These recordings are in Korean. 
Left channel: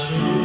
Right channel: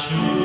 주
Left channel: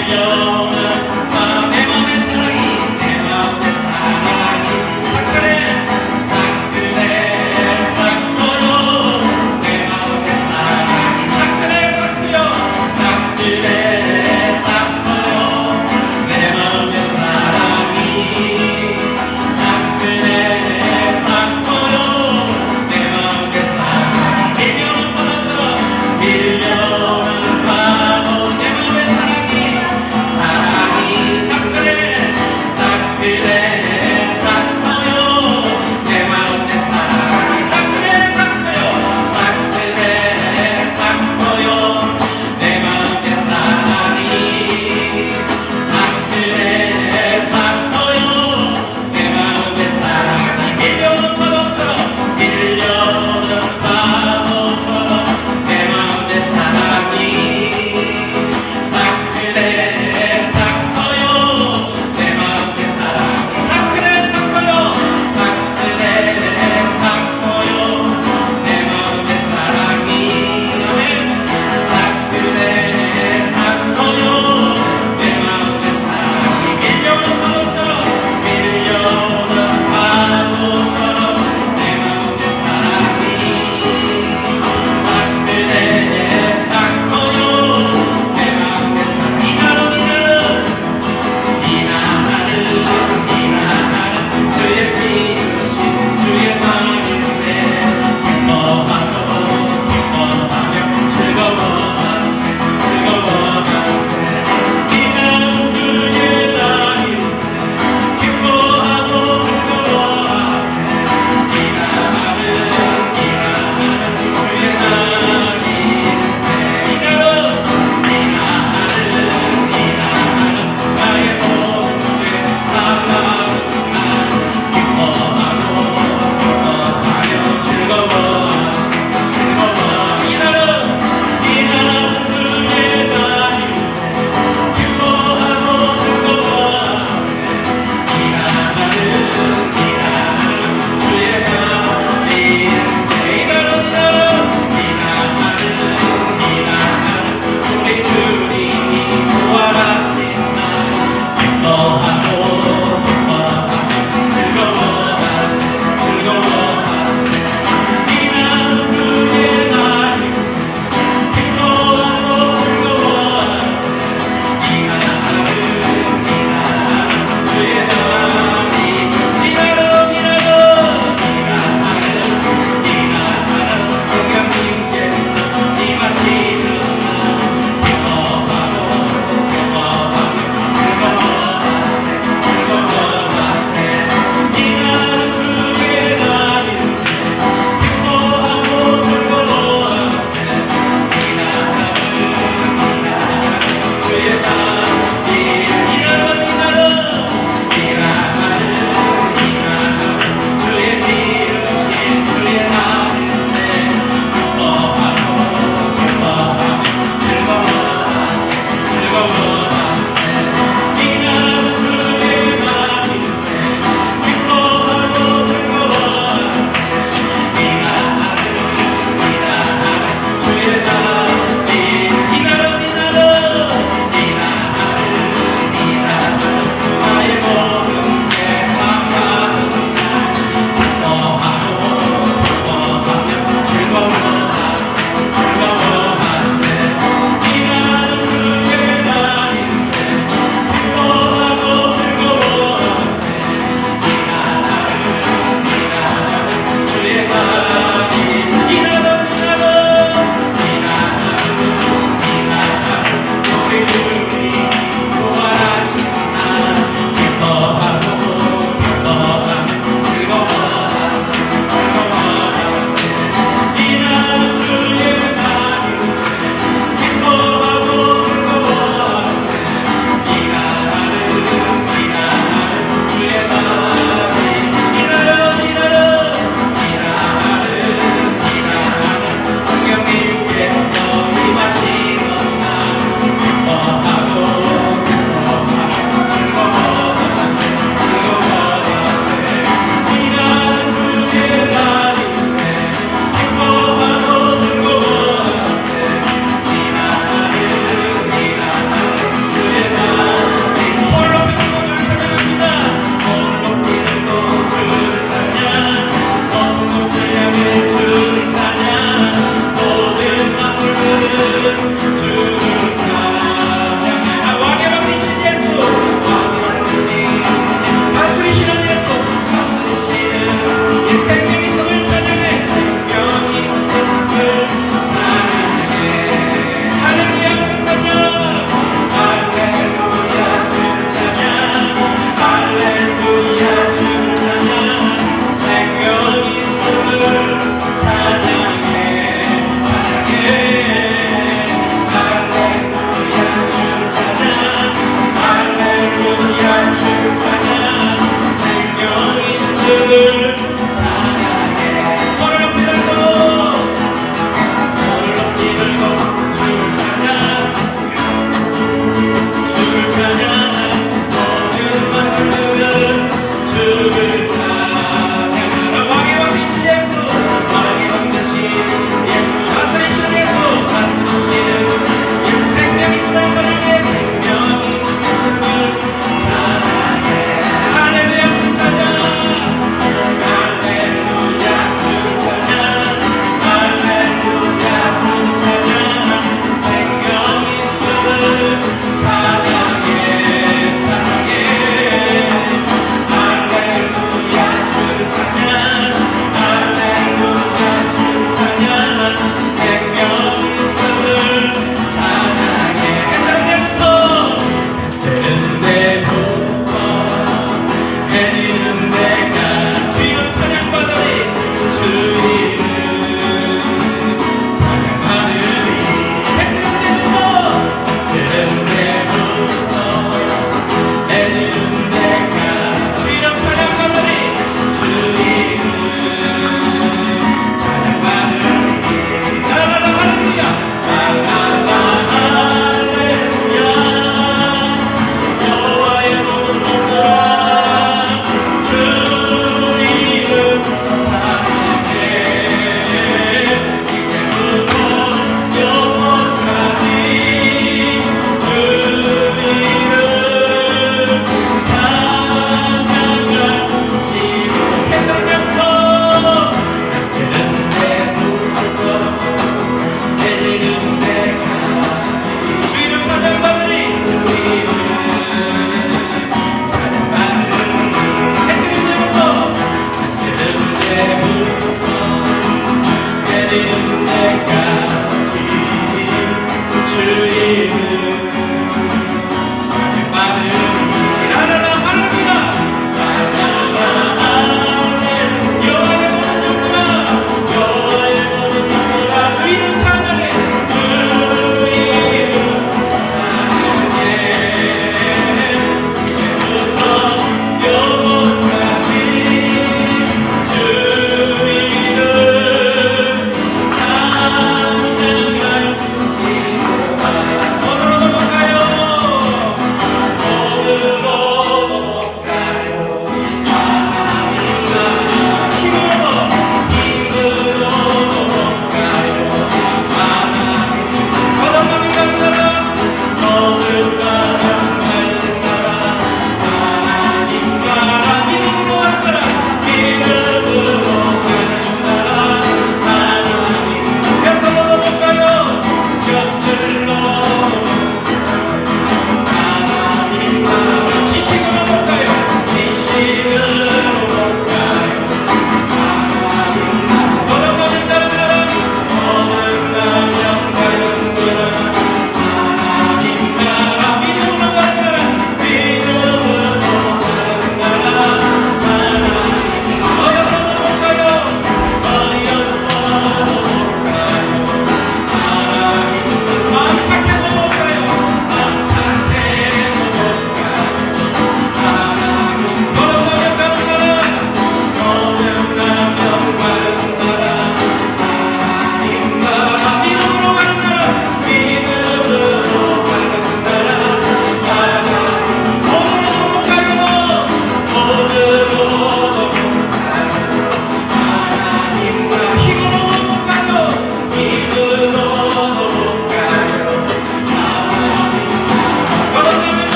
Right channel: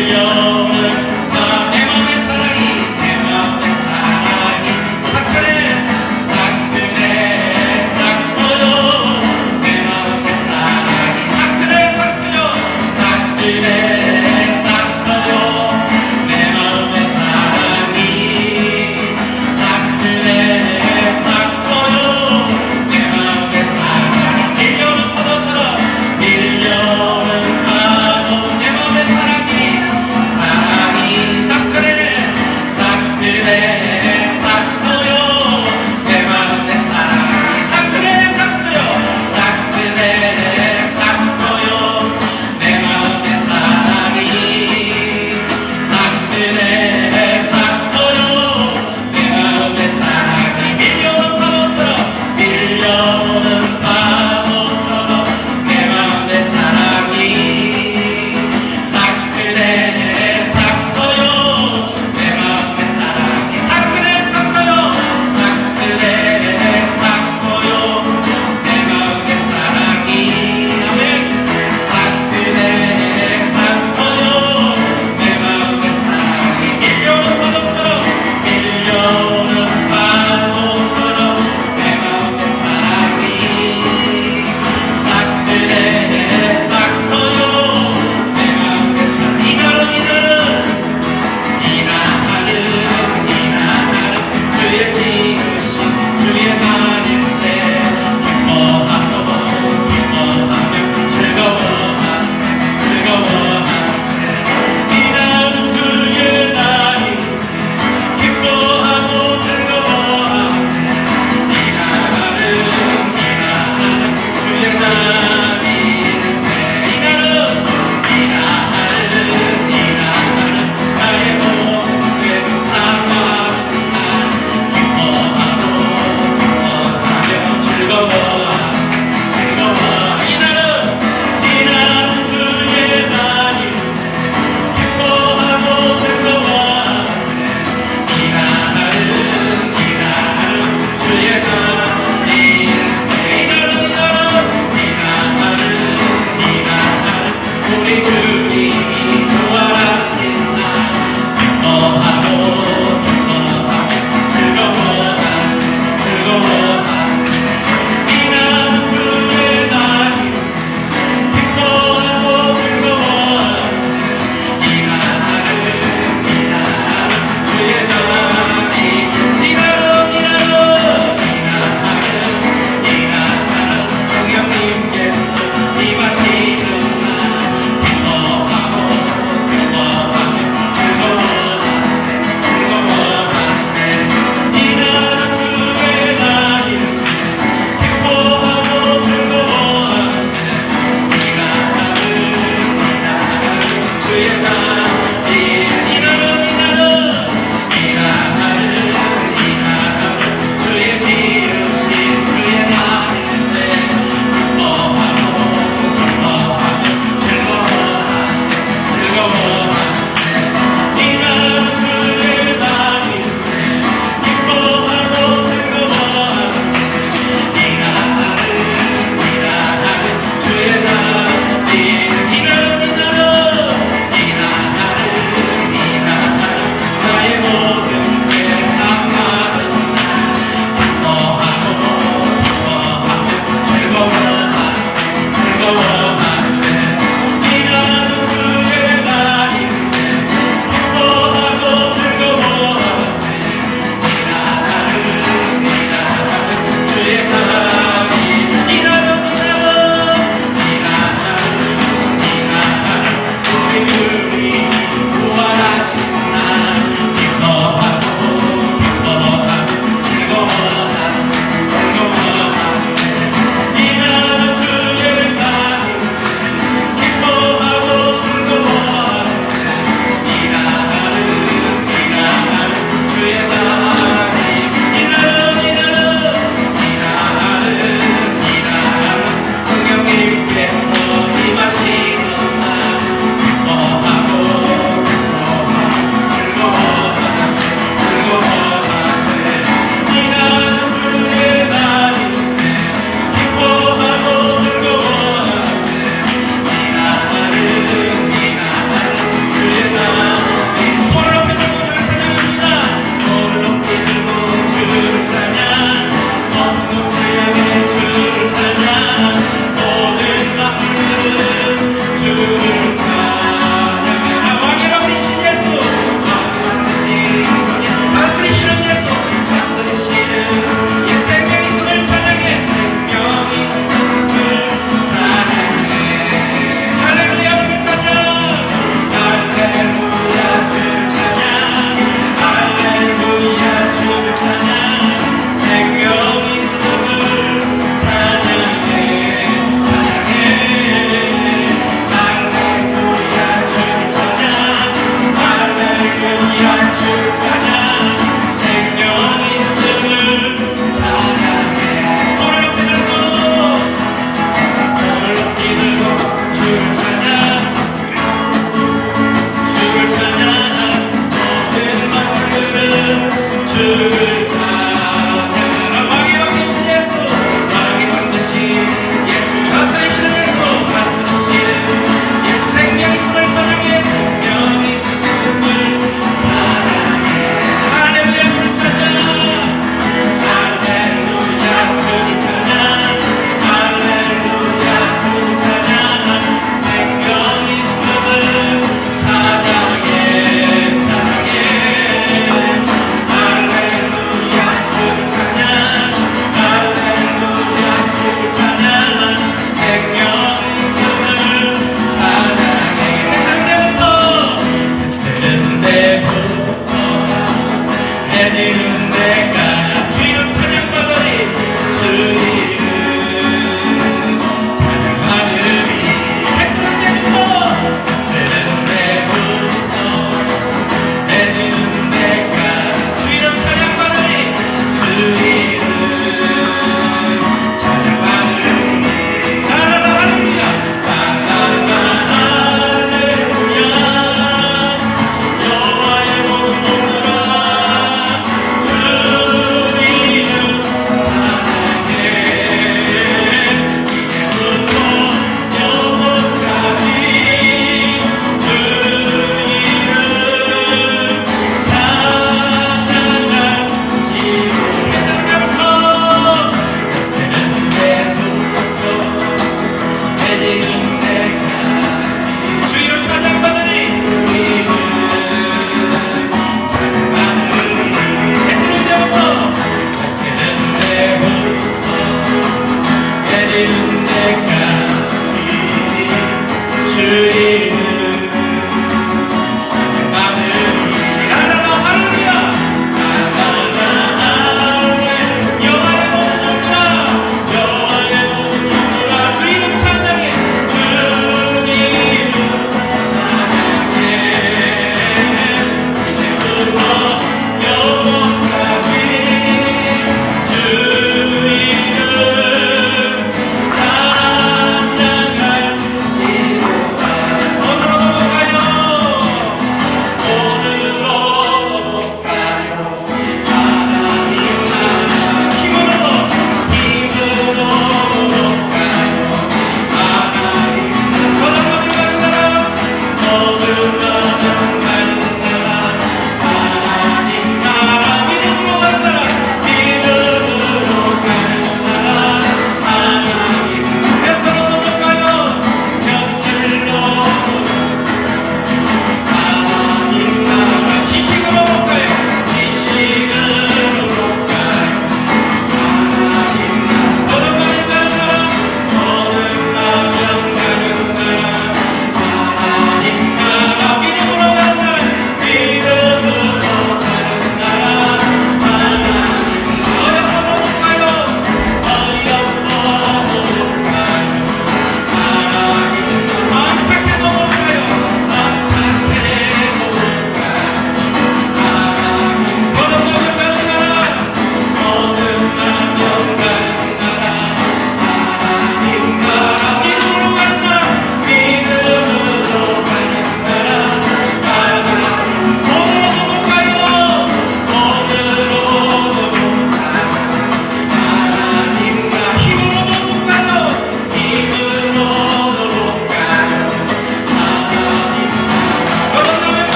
밀려오는 내 맘의 사랑이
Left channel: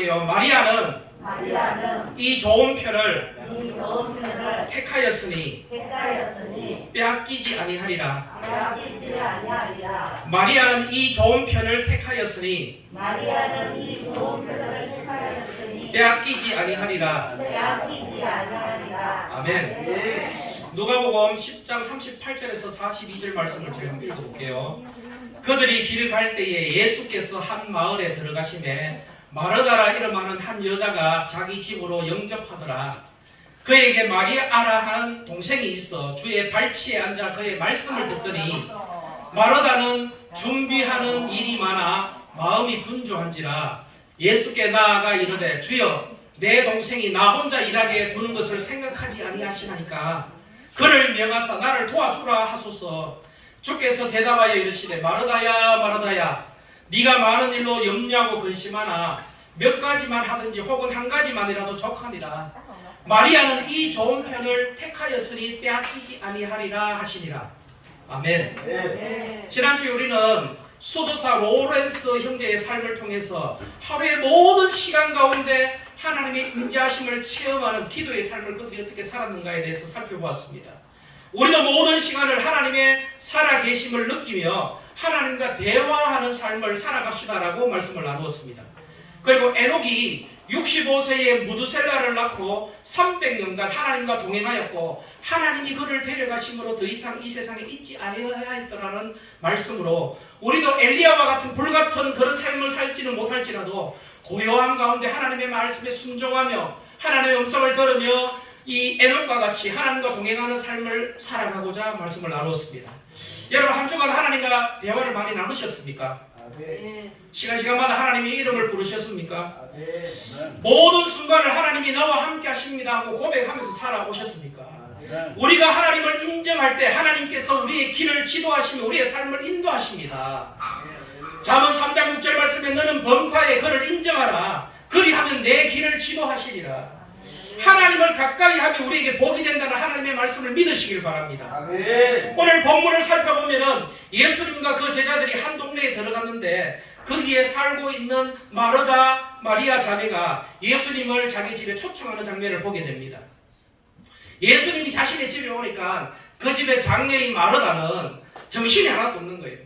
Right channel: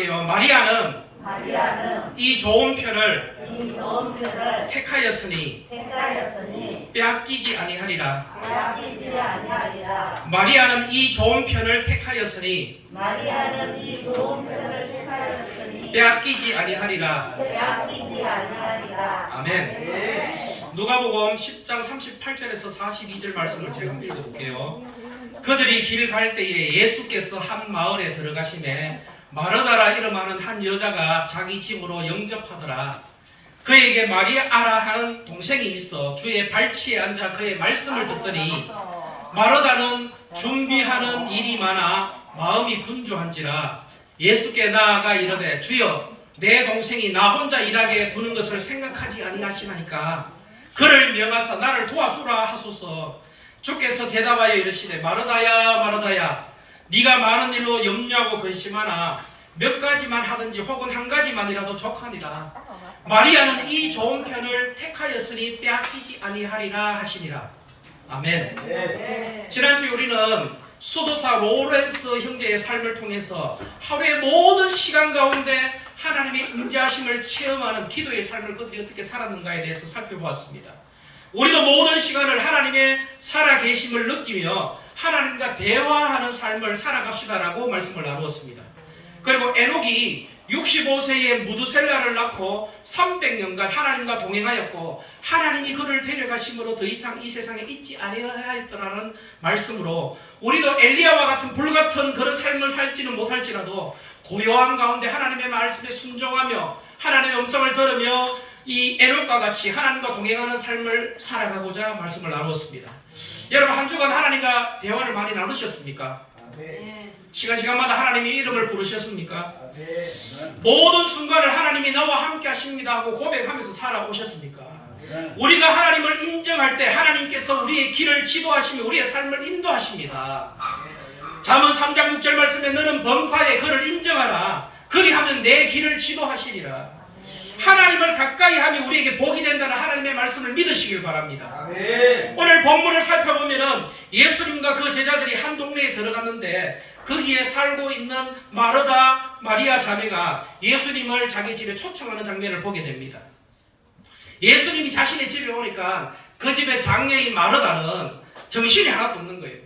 할게요. 마리아는 이 좋은 편을 택하였으니 빼앗기지 아니하리라. 마리아는 이 좋은 편을 택하였으니 빼앗기지 아니하리라. 아멘. 누가복음 10장 38절에서 42절 말씀을 제가 읽어볼게요. 그들이 길 갈 때에 예수께서 한 마을에 들어가시매 마르다라 이름하는 한 여자가 자기 집으로 영접하더라. 그에게 마리아라 하는 동생이 있어 주의 발치에 앉아 그의 말씀을 듣더니 마르다는 준비하는 일이 많아 마음이 분주한지라 예수께 나아가 이르되 주여 내 동생이 나 혼자 일하게 두는 것을 생각하지 아니하시나이까 그를 명하사 나를 도와주라 하소서. 주께서 대답하여 이르시되 마르다야 마르다야 네가 많은 일로 염려하고 근심하나 몇 가지만 하든지 혹은 한 가지만이라도 족하니라. 마리아는 이 좋은 편을 택하였으니 빼앗기지 아니하리라 하시니라. 아멘. 지난주에 우리는 수도사 로렌스 형제의 삶을 통해서 하루의 모든 시간 가운데 하나님의 인자하심을 체험하는 기도의 삶을 그들이 어떻게 살았는가에 대해서 살펴보았습니다. 우리도 모든 시간을 하나님의 살아계심을 느끼며 하나님과 대화하는 삶을 살아갑시다라고 말씀을 나누었습니다. 그리고 에녹이 65세에 무드셀라를 낳고 300년간 하나님과 동행하였고 하나님이 그를 데려가심으로 더 이상 이 세상에 있지 아니하였더라는 말씀으로 우리도 엘리야와 같은 불같은 그런 삶을 살지는 못할지라도 고요한 가운데 하나님의 말씀에 순종하며 하나님의 음성을 들으며 이 에녹과 같이 하나님과 동행하는 삶을 살아가고자 말씀을 나누었습니다. 여러분 한 주간 하나님과 대화를 많이 나누셨습니까? 시간마다 하나님의 이름을 부르셨습니까? 모든 순간을 하나님이 나와 함께 하십니다 하고 고백하면서 살아오셨습니까? 우리가 하나님을 인정할 때 하나님께서 우리의 길을 지도하시며 우리의 삶을 인도하십니다. 잠언 3장 6절 말씀에 너는 범사에 그를 인정하라. 그리하면 내 길을 지도하시리라. 하나님을 가까이 하면 우리에게 복이 된다는 하나님의 말씀을 믿으시길 바랍니다. 아멘. 오늘 본문을 살펴보면 예수님과 그 제자들이 한 동네에 들어갔는데 거기에 살고 있는 마르다 마리아 자매가 예수님을 자기 집에 초청하는 장면을 보게 됩니다. 예수님이 자신의 집에 오니까 그 집의 장녀인 마르다는 정신이 하나도 없는 거예요.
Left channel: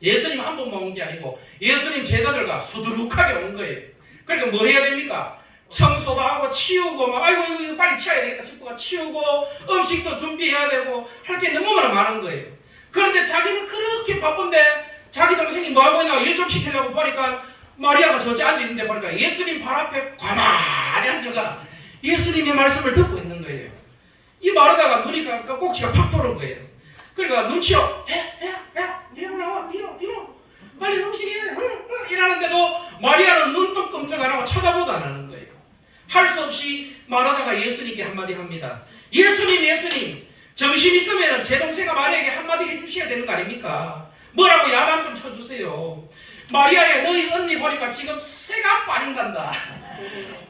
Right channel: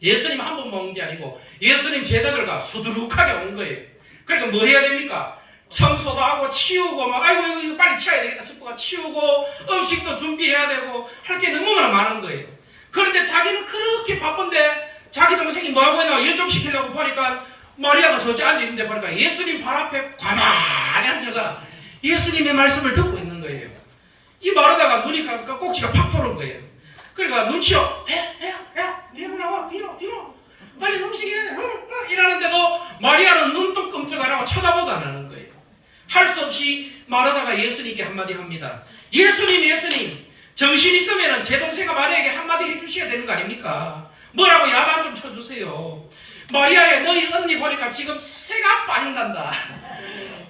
예수님 한 번 먹는 게 아니고 예수님 제자들과 수두룩하게 온 거예요. 그러니까 뭐 해야 됩니까? 청소도 하고 치우고 막 아이고 이거 빨리 치워야 되겠다 싶고 치우고 음식도 준비해야 되고 할 게 너무나 많은 거예요. 그런데 자기는 그렇게 바쁜데 자기 동생이 뭐하고 있나 일 좀 시키려고 보니까 마리아가 저기 앉아있는데 보니까 예수님 발 앞에 가만히 앉아가 예수님의 말씀을 듣고 있는 거예요. 이 마르다가 눈이 꼭지가 팍 돌은 거예요. 그러니까 눈치로 뒤로 나와 뒤로 빨리 음식해야 돼 이러는데도 마리아는 눈도 끔찍 안 하고 쳐다보도 안 하는 거예요. 할 수 없이 마르다가 예수님께 한마디 합니다. 예수님 정신 있으면 제 동생아 마리아에게 한마디 해주셔야 되는 거 아닙니까? 뭐라고 야단 좀 쳐주세요. 마리아야 너희 언니 보니까 지금 새가 빠진단다.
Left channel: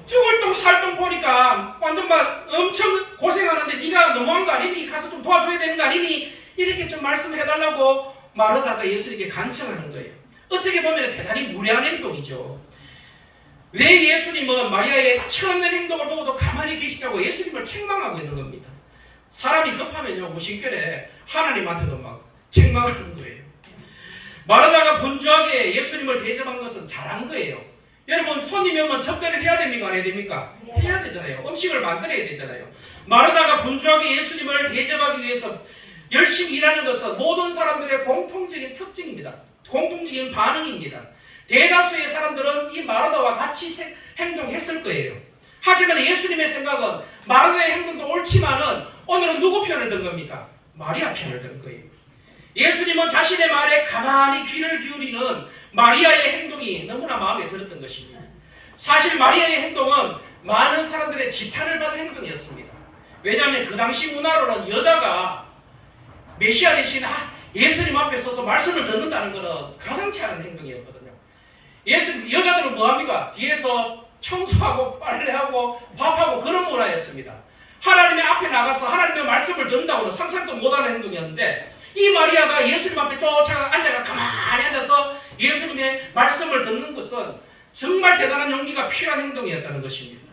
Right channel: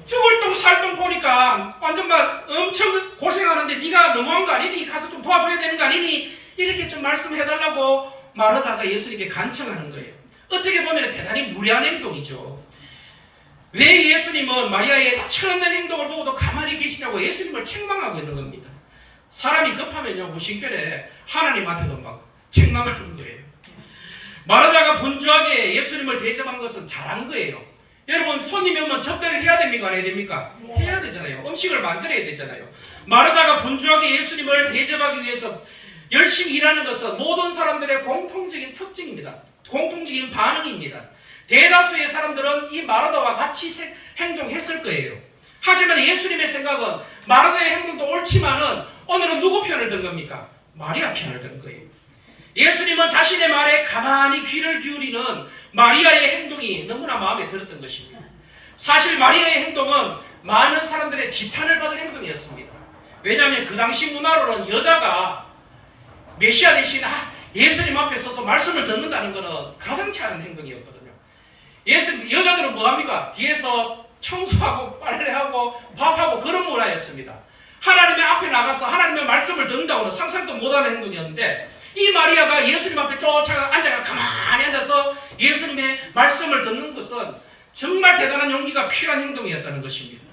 죽을 똥 살 똥 보니까 완전 막 엄청 고생하는데 네가 너무한 거 아니니? 가서 좀 도와줘야 되는 거 아니니? 이렇게 좀 말씀해달라고 마르다가 예수님께 간청하는 거예요. 어떻게 보면 대단히 무례한 행동이죠. 왜 예수님은 마리아의 천연된 행동을 보고도 가만히 계시냐고 예수님을 책망하고 있는 겁니다. 사람이 급하면요 무심결에 하나님한테도 막 책망하는 거예요. 마르다가 분주하게 예수님을 대접한 것은 잘한 거예요. 여러분 손님이 오면 접대를 해야 됩니까? 안 해야 됩니까? 해야 되잖아요. 음식을 만들어야 되잖아요. 마르다가 분주하게 예수님을 대접하기 위해서 열심히 일하는 것은 모든 사람들의 공통적인 특징입니다. 공통적인 반응입니다. 대다수의 사람들은 이 마르다와 같이 행동했을 거예요. 하지만 예수님의 생각은 마르다의 행동도 옳지만은 오늘은 누구 편을 든 겁니까? 마리아 편을 든 거예요. 예수님은 자신의 말에 가만히 귀를 기울이는 마리아의 행동이 너무나 마음에 들었던 것입니다. 사실 마리아의 행동은 많은 사람들의 지탄을 받은 행동이었습니다. 왜냐하면 그 당시 문화로는 여자가 메시아 대신 예수님 앞에 서서 말씀을 듣는다는 것은 가당치 않은 행동이었거든요. 여자들은 뭐합니까? 뒤에서 청소하고 빨래하고 밥하고 그런 문화였습니다. 하나님의 앞에 나가서 하나님의 말씀을 듣는다고는 상상도 못하는 행동이었는데 이 마리아가 예수님 앞에 쫓아가 앉아가 가만히 앉아서 예수님의 말씀을 듣는 것은 정말 대단한 용기가 필요한 행동이었다는 것입니다.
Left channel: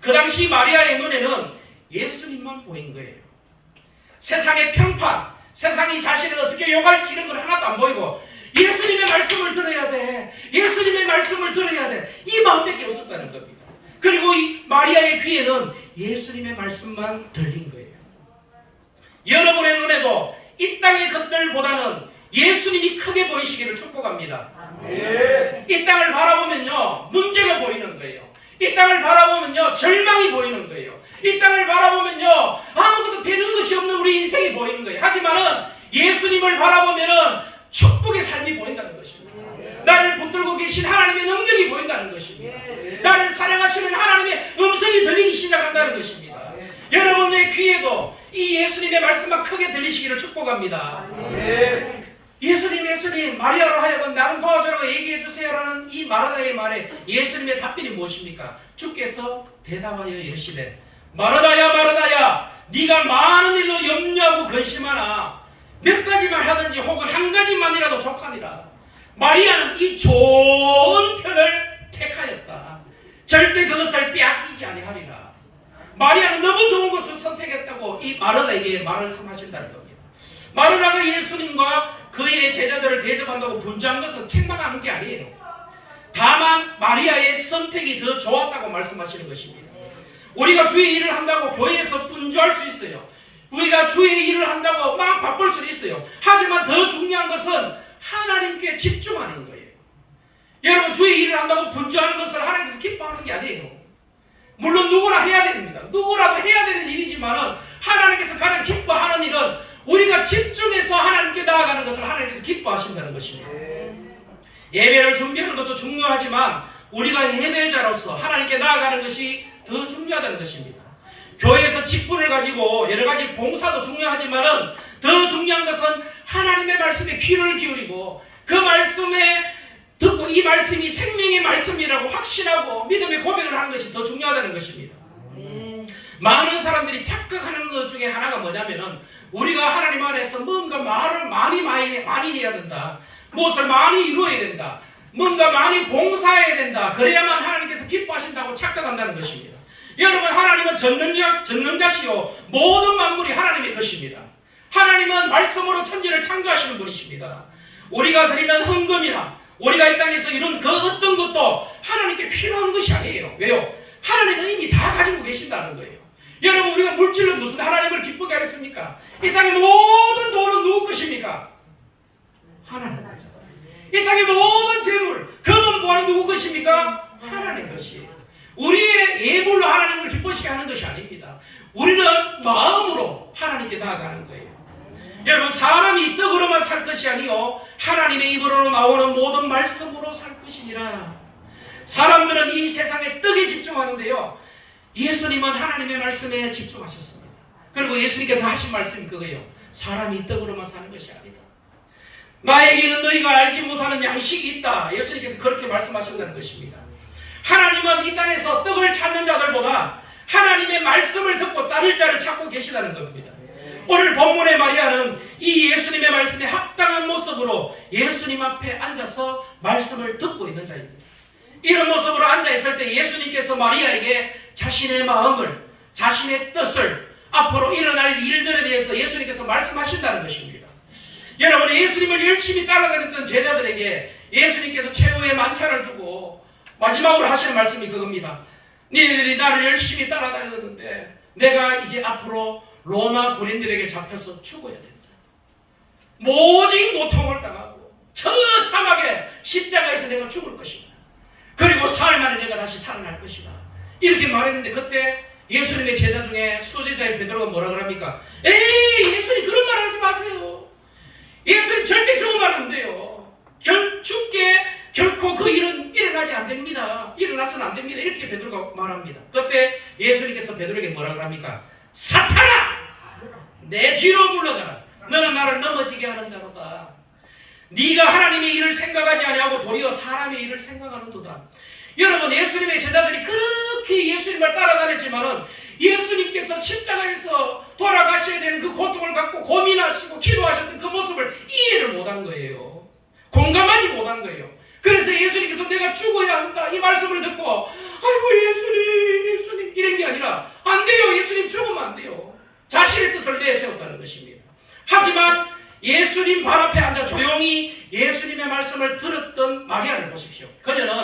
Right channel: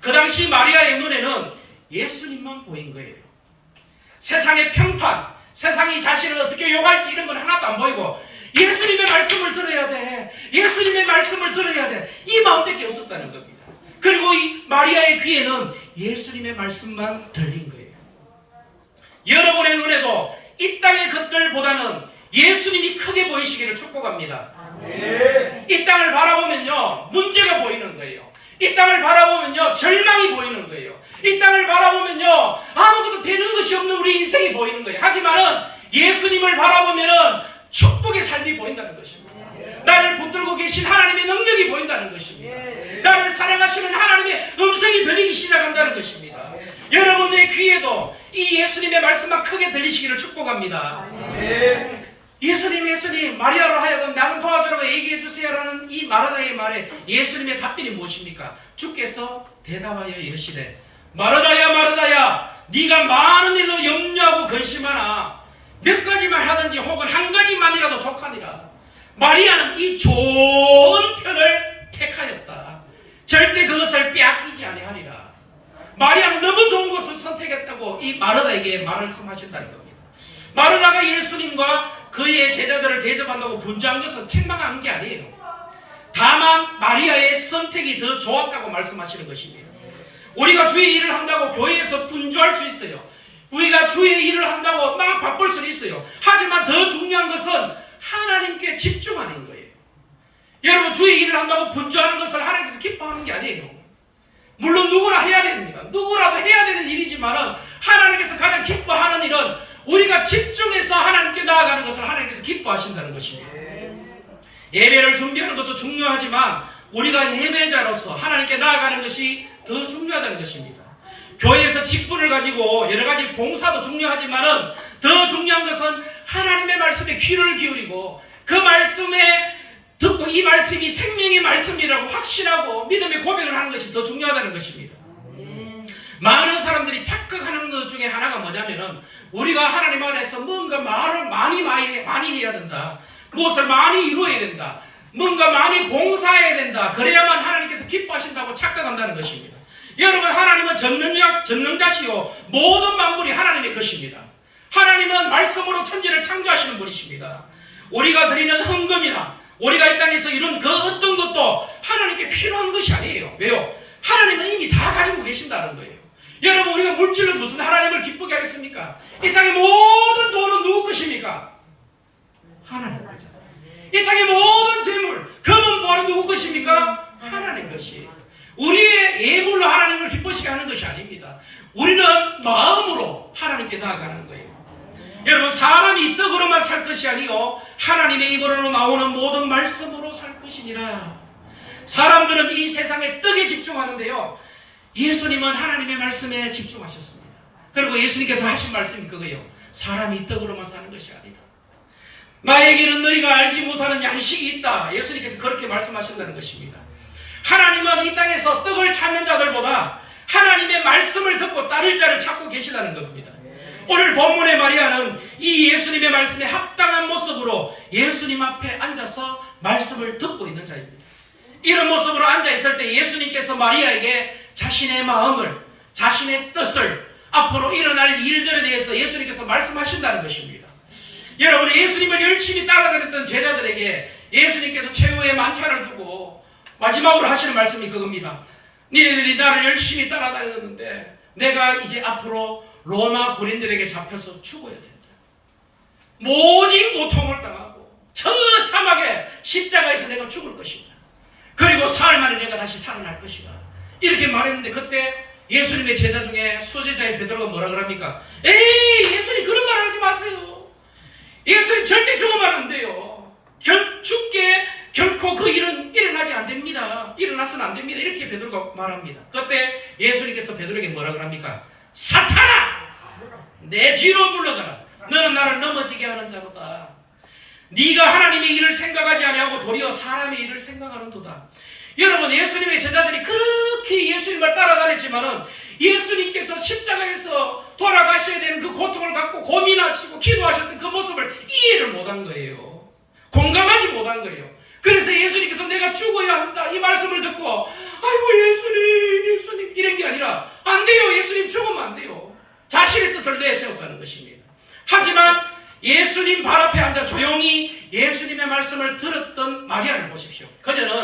그 당시 마리아의 눈에는 예수님만 보인 거예요. 세상의 평판, 세상이 자신을 어떻게 욕할지 이런 건 하나도 안 보이고 예수님의 말씀을 들어야 돼. 예수님의 말씀을 들어야 돼. 이 마음밖에 없었다는 겁니다. 그리고 이 마리아의 귀에는 예수님의 말씀만 들린 거예요. 여러분의 눈에도 이 땅의 것들보다는 예수님이 크게 보이시기를 축복합니다. 이 땅을 바라보면요 문제가 보이는 거예요. 이 땅을 바라보면요 절망이 보이는 거예요. 이 땅을 바라보면요 아무것도 되는 것이 없는 우리 인생이 보이는 거예요. 하지만은 예수님을 바라보면은 축복의 삶이 보인다는 것입니다. 나를 붙들고 계신 하나님의 능력이 보인다는 것입니다. 나를 사랑하시는 하나님의 음성이 들리기 시작한다는 것입니다. 여러분의 귀에도 이 예수님의 말씀만 크게 들리시기를 축복합니다. 예수님 마리아로 하여금 나를 도와주라고 얘기해 주세요라는 이 마르다의 말에 예수님의 답변이 무엇입니까? 주께서 대답하여 이르시되 마르다야 마르다야 네가 많은 일로 염려하고 근심하나 몇 가지만 하든지 혹은 한 가지만이라도 족하니라. 마리아는 이 좋은 편을 택하였다. 절대 그것을 빼앗기지 아니하리라. 마리아는 너무 좋은 것을 선택했다고 이 마르다에게 말씀하신다는 겁니다. 마르다가 예수님과 그의 제자들을 대접한다고 분주한 것은 책망한 게 아니에요. 다만 마리아의 선택이 더 좋았다고 말씀하시는 것입니다. 우리가 주의 일을 한다고 교회에서 분주할 수 있어요. 우리가 주의 일을 한다고 막 바쁠 수 있어요. 하지만 더 중요한 것은 하나님께 집중하는 거예요. 여러분 주의 일을 한다고 분주하는 것을 하나님께서 기뻐하는 게 아니에요. 물론 누구나 해야 됩니다. 누구라도 해야 되는 일이지만 하나님께서 가장 기뻐하는 일은 우리가 집중해서 하나님께 나아가는 것을 하나님께서 기뻐하신다는 것입니다. 예배를 준비하는 것도 중요하지만 우리가 예배자로서 하나님께 나아가는 것이 더 중요하다는 것입니다. 교회에서 직분을 가지고 여러 가지 봉사도 중요하지만 더 중요한 것은 하나님의 말씀에 귀를 기울이고 그 말씀에 듣고 이 말씀이 생명의 말씀이라고 확신하고 믿음의 고백을 하는 것이 더 중요하다는 것입니다. 많은 사람들이 착각하는 것 중에 하나가 뭐냐면은 우리가 하나님 안에서 뭔가 말을 많이 해야 된다. 무엇을 많이 이루어야 된다. 뭔가 많이 봉사해야 된다. 그래야만 하나님께서 기뻐하신다고 착각한다는 것입니다. 여러분 하나님은 전능자시요 모든 만물이 하나님의 것입니다. 하나님은 말씀으로 천지를 창조하시는 분이십니다. 우리가 드리는 헌금이나 우리가 이 땅에서 이룬 그 어떤 것도 하나님께 필요한 것이 아니에요. 왜요? 하나님은 이미 다 가지고 계신다는 거예요. 여러분 우리가 물질로 무슨 하나님을 기쁘게 하겠습니까? 이 땅의 모든 돈은 누구 것입니까? 하나님 거죠. 이 땅의 모든 재물, 금은 뭐하는 누구 것입니까? 하나님 것이에요. 우리의 예물로 하나님을 기쁘시게 하는 것이 아닙니다. 우리는 마음으로 하나님께 나아가는 거예요. 여러분 사람이 떡으로만 살 것이 아니요 하나님의 입으로 나오는 모든 말씀으로 살 것이니라. 사람들은 이 세상의 떡에 집중하는데요 예수님은 하나님의 말씀에 집중하셨습니다. 그리고 예수님께서 하신 말씀이 그거예요. 사람이 떡으로만 사는 것이 아니다. 나에게는 너희가 알지 못하는 양식이 있다. 예수님께서 그렇게 말씀하신다는 것입니다. 하나님은 이 땅에서 떡을 찾는 자들보다 하나님의 말씀을 듣고 따를 자를 찾고 계시다는 겁니다. 오늘 본문의 마리아는 이 예수님의 말씀에 합당한 모습으로 예수님 앞에 앉아서 말씀을 듣고 있는 자입니다. 이런 모습으로 앉아있을 때 예수님께서 마리아에게 자신의 마음을, 자신의 뜻을, 앞으로 일어날 일들에 대해서 예수님께서 말씀하신다는 것입니다. 여러분 예수님을 열심히 따라다녔던 제자들에게 예수님께서 최후의 만찬을 두고 마지막으로 하시는 말씀이 그겁니다. 너희들이 나를 열심히 따라다녔는데 내가 이제 앞으로 로마 군인들에게 잡혀서 죽어야 된다. 모진 고통을 당하고 처참하게 십자가에서 내가 죽을 것이다. 그리고 사흘 만에 내가 다시 살아날 것이다. 이렇게 말했는데 그때 예수님의 제자 중에 수제자인 베드로가 뭐라 그럽니까? 에이 예수님 그런 말 하지 마세요. 예수님 절대 죽으면 안 돼요. 죽게 결코 그 일은 일어나지 안 됩니다. 일어나서는 안 됩니다. 이렇게 베드로가 말합니다. 그때 예수님께서 베드로에게 뭐라 그럽니까? 사탄아! 내 뒤로 물러가라. 너는 나를 넘어지게 하는 자로다. 네가 하나님의 일을 생각하지 아니하고 도리어 사람의 일을 생각하는도다. 여러분 예수님의 제자들이 그렇게 예수님을 따라다녔지만 예수님께서 십자가에서 돌아가셔야 되는 그 고통을 갖고 고민하시고 기도하셨던 그 모습을 이해를 못한 거예요. 공감하지 못한 거예요. 그래서 예수님께서 내가 죽어야 한다 이 말씀을 듣고 아이고 예수님 이런 게 아니라 안 돼요. 예수님 죽으면 안 돼요. 자신의 뜻을 내세웠다는 것입니다. 하지만 예수님 발 앞에 앉아 조용히 예수님의 말씀을 들었던 마리아를 보십시오. 그녀는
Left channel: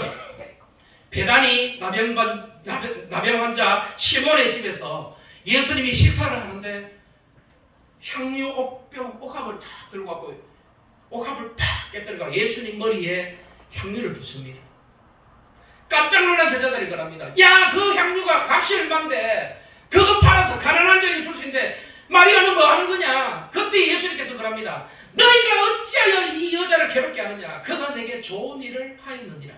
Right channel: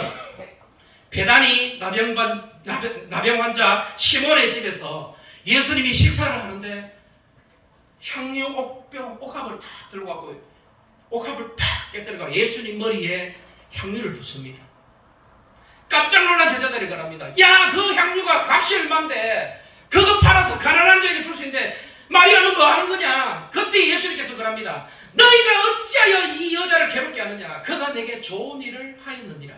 베다니 나병 환자 시몬의 집에서 예수님이 식사를 하는데 향유 옥합을 탁 들고 가고 옥합을 팍 깨뜨려가 예수님 머리에 향유를 붓습니다. 깜짝 놀란 제자들이 그럽니다. 야, 그 향유가 값이 얼만데 그거 팔아서 가난한 자에게 줄 수 있는데 마리아는 뭐 하는 거냐? 그때 예수님께서 그럽니다. 너희가 어찌하여 이 여자를 괴롭게 하느냐? 그가 내게 좋은 일을 하였느니라.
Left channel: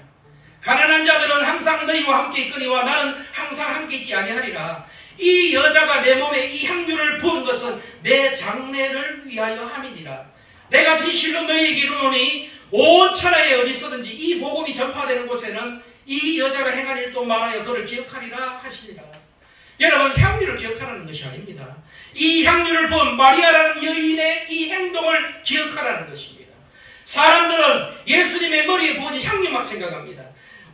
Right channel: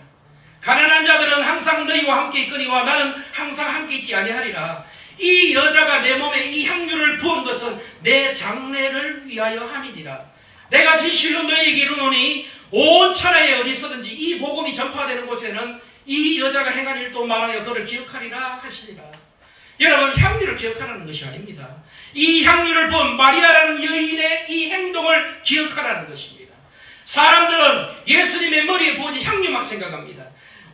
가난한 자들은 항상 너희와 함께 있거니와 나는 항상 함께 있지 아니하리라. 이 여자가 내 몸에 이 향유를 부은 것은 내 장래를 위하여 함이니라. 내가 진실로 너희에게 이르노니 온 천하에 어디서든지 이 복음이 전파되는 곳에는 이 여자가 행한 일도 말하여 그를 기억하리라 하시니라. 여러분, 향유를 기억하라는 것이 아닙니다. 이 향유를 본 마리아라는 여인의 이 행동을 기억하라는 것입니다. 사람들은 예수님의 머리에 부어진 향유만 생각합니다.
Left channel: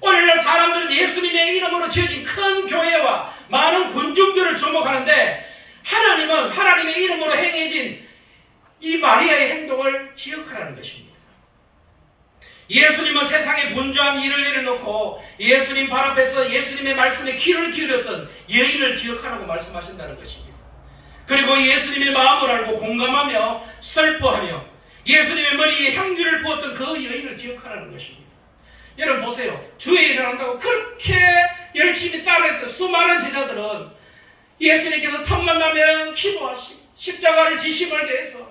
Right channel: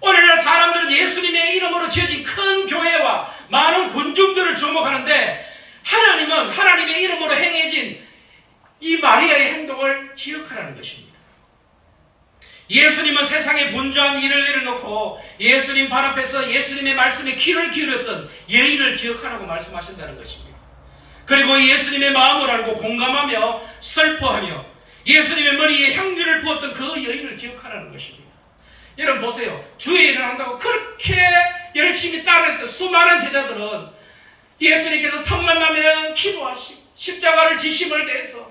오늘날 사람들은 예수님의 이름으로 지어진 큰 교회와 많은 군중들을 주목하는데 하나님은 하나님의 이름으로 행해진 이 마리아의 행동을 기억하라는 것입니다. 예수님은 세상에 분주한 일을 내려놓고 예수님 발 앞에서 예수님의 말씀에 귀를 기울였던 여인을 기억하라고 말씀하신다는 것입니다. 그리고 예수님의 마음을 알고 공감하며 슬퍼하며 예수님의 머리에 향유를 부었던 그 여인을 기억하라는 것입니다. 여러분 보세요. 주의 일을 한다고 그렇게 열심히 따르했던 수많은 제자들은 예수님께서 틈만 나면 기도하시고 십자가를 지심을 대해서